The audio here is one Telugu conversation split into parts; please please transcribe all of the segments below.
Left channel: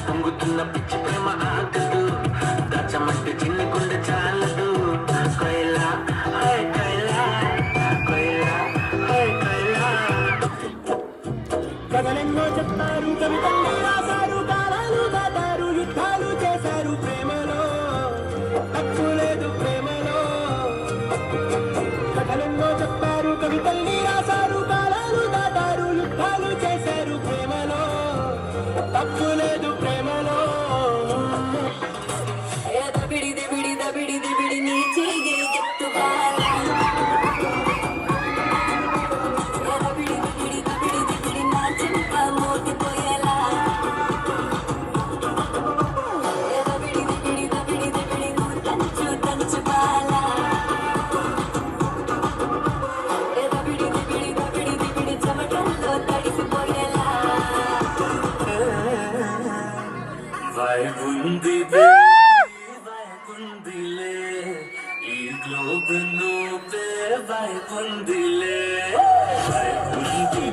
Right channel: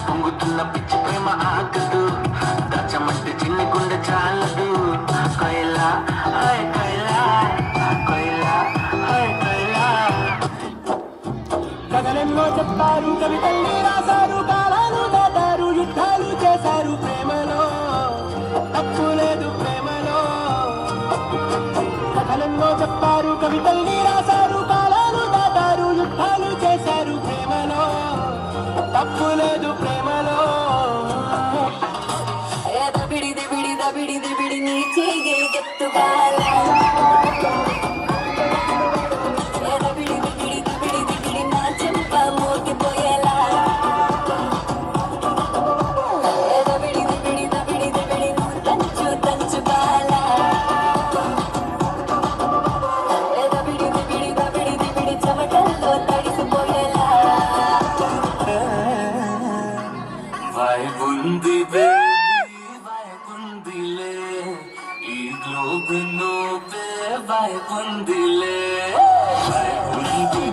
పొంగుతున్న పిచ్చి ప్రేమ ఆగదు దచ్చమంటే చిన్ని గుండె చాలదు కైలా హై కైలా కైలా హై కైలా కథలెన్నో చెప్పారు కవితల్ని రాశారు కాలాలు దాటారు యుద్ధాలు చేశారు ప్రేమలో తప్పు లేదు ప్రేమలో కథలెన్నో చెప్పారు కవితల్ని రాశారు కాలాలు దాటారు యుద్ధాలు చేశారు ప్రేమలో తప్పు లేదు ప్రేమలో దబిడి దిబిడి దబిడి దిబిడి నీ చేగే ఎత్తుబాలా దబిడి దిబిడి దబిడి దిబిడి నా చెంప మోగిపోయేలా దబిడి దిబిడి దబిడి దిబిడి తంచు తంచు బాలా దబిడి దిబిడి దబిడి దిబిడి చెమటల్లో తడిసిపోయేలా వైగుంది వైగుందిలే ఈ గ్లోబ్ నువ్వే వైగుందిలే వైగుంది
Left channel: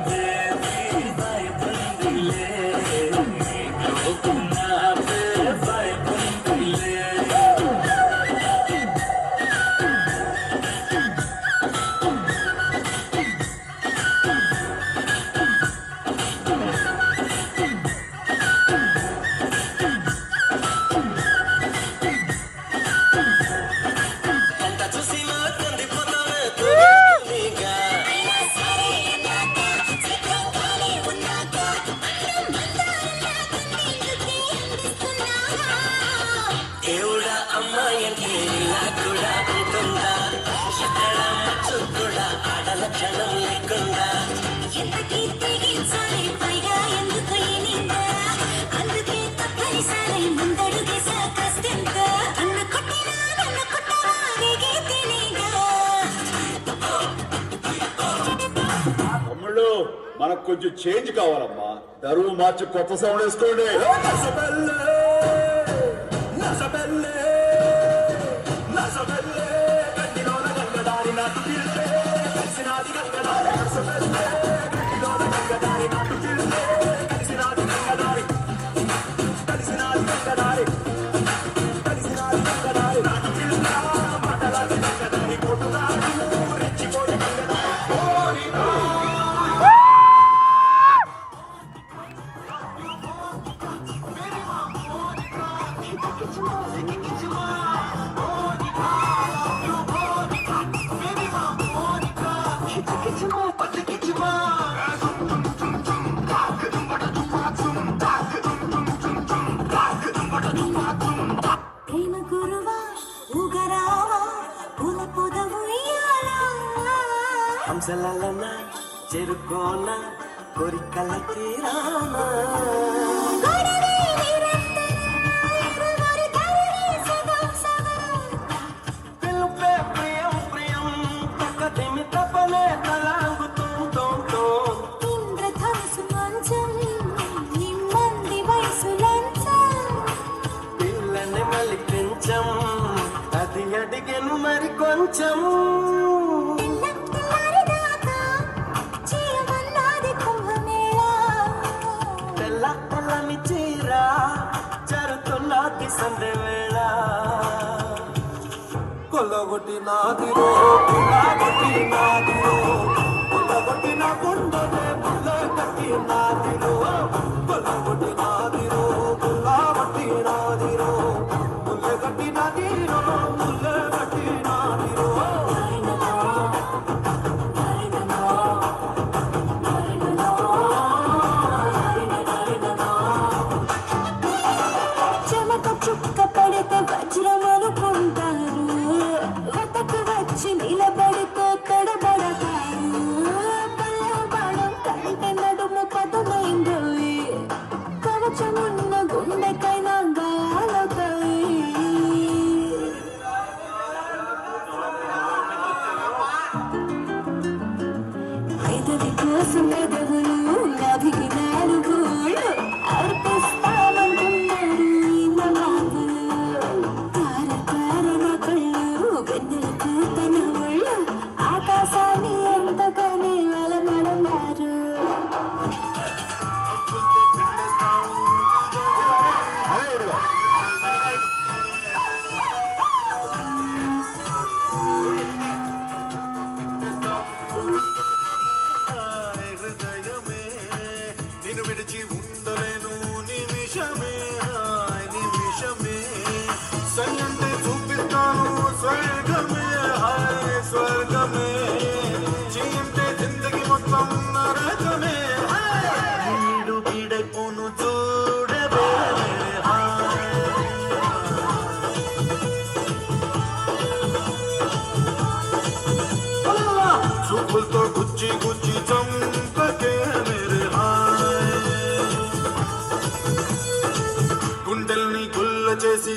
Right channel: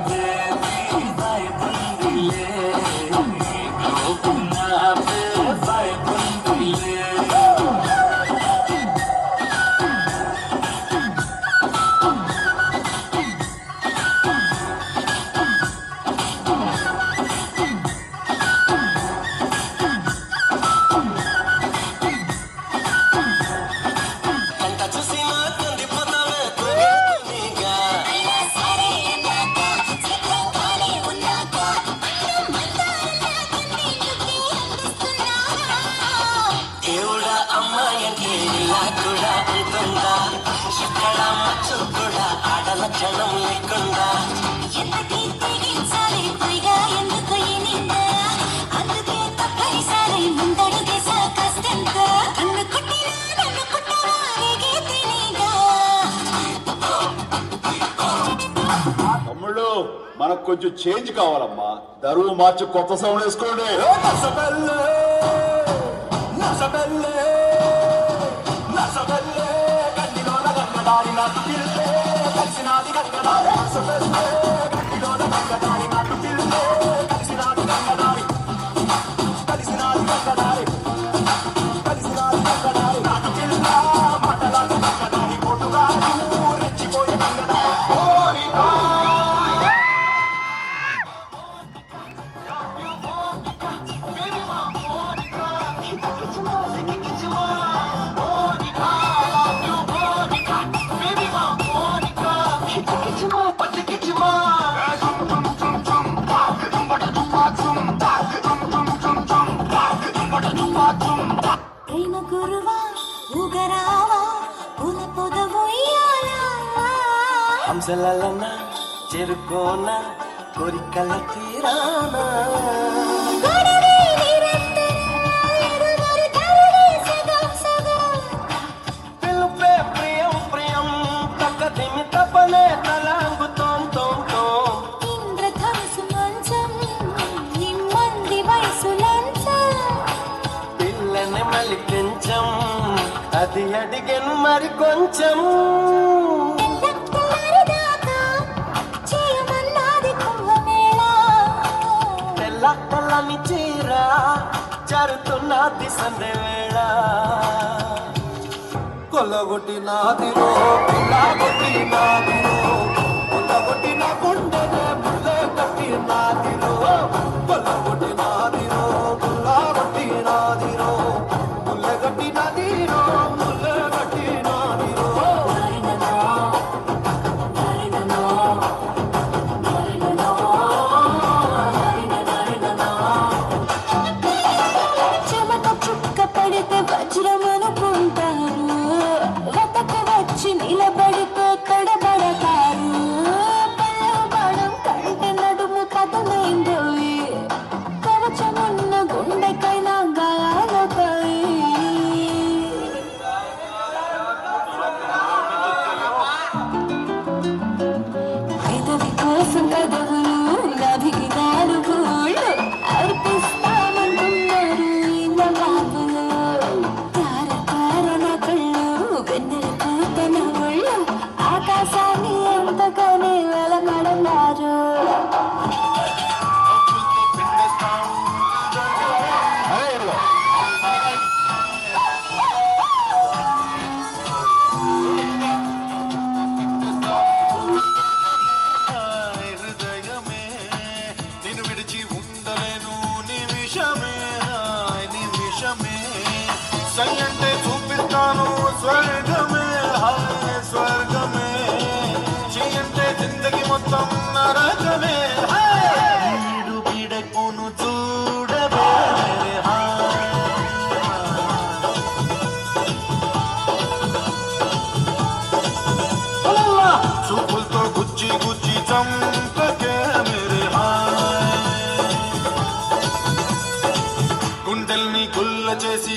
వైగుందిలే ఈ గ్లోబ్ నావే వైగుందిలే దేవుడా అమ్మాయంటే ఇలా కూడా ఉంటుందా ఎక్కడ మచ్చు కూడా ఆడల క్షణం లేకుండా ఎంతకీ తెగించాలి పైగా ఎందుకు ఈ నింద అందుకే తప్పనిసరి ముందడుగేసా కష్టంత నన్ను కుట్టినా రేగే తినేగా తమ్ముళ్ళు మనకు కొంచెం చేంజ్ కావాలమ్మా దరువు మార్చి కొత్త సౌండ్ వేసుకోండి ప్రేమ గురువా ఊగరావా పూల పొదవయ్యాలా హంసలన చెరుకోన కోరికల తీరానా పిలుపే ప్రియం ప్రియం తక్కదిమి తపనే తలాంగుతోం తోం తోం ఇంద్రధనుసు మంచం నిమ్మంది వయసు లంచం పిల్లని మలి కొంచెం అది అడిగను మరి కొంచెం తెల్లదాకా చేయమన్నది కుంభమేళా తెల్ల తెల్లని చీర జరుతున్నది సందే వేళ కొల్లగొట్టినాదిరో పిల్లగొట్టినాదిరో కొల్లగొట్టిన గుండెనే ముల్లె కట్టినాదిరో కొల్లగొట్టినాదిరో కొల్లగొట్టినాదిరో ముల్లె కట్టినాదిరో ముల్లె కట్టినాదిరో చెమట చుక్క పడితే వజ్రమనుకుంటారు వతకు వచ్చి నిలబడితే తడబడతారు పల్లె బాణం కంటే నడుము కథమైందోయి కవచమున్న గుండెకైనా గాయాలవుతాయి పెదవి కోసం పెదవులు నభికి నాలుగోళ్ళు అర్పిస్తామంటున్నారు ఇన్న బాబులు తార తార నా కళ్ళు వెన్నెల పూతన ఒళ్ళు ఆకాశాన్ని ఎంతగానే వెలగడన్నారు అరే ఇదిగో. హృదయమే నిన్ను విడిచి ఉండలేను నిమిషమే నిమిషమే సై అంటే చూపిస్తాను స్వర్గమే హాయ్ స్వర్గమే చెయ్యంటే జిందగి మొత్తం నరకమే వీడు పీడకోను చూడవే హాయ్ చూపులతో గుచ్చి గుచ్చి చంపకే మేరే హాయ్ గుండెల్ని గుల్ల చేసి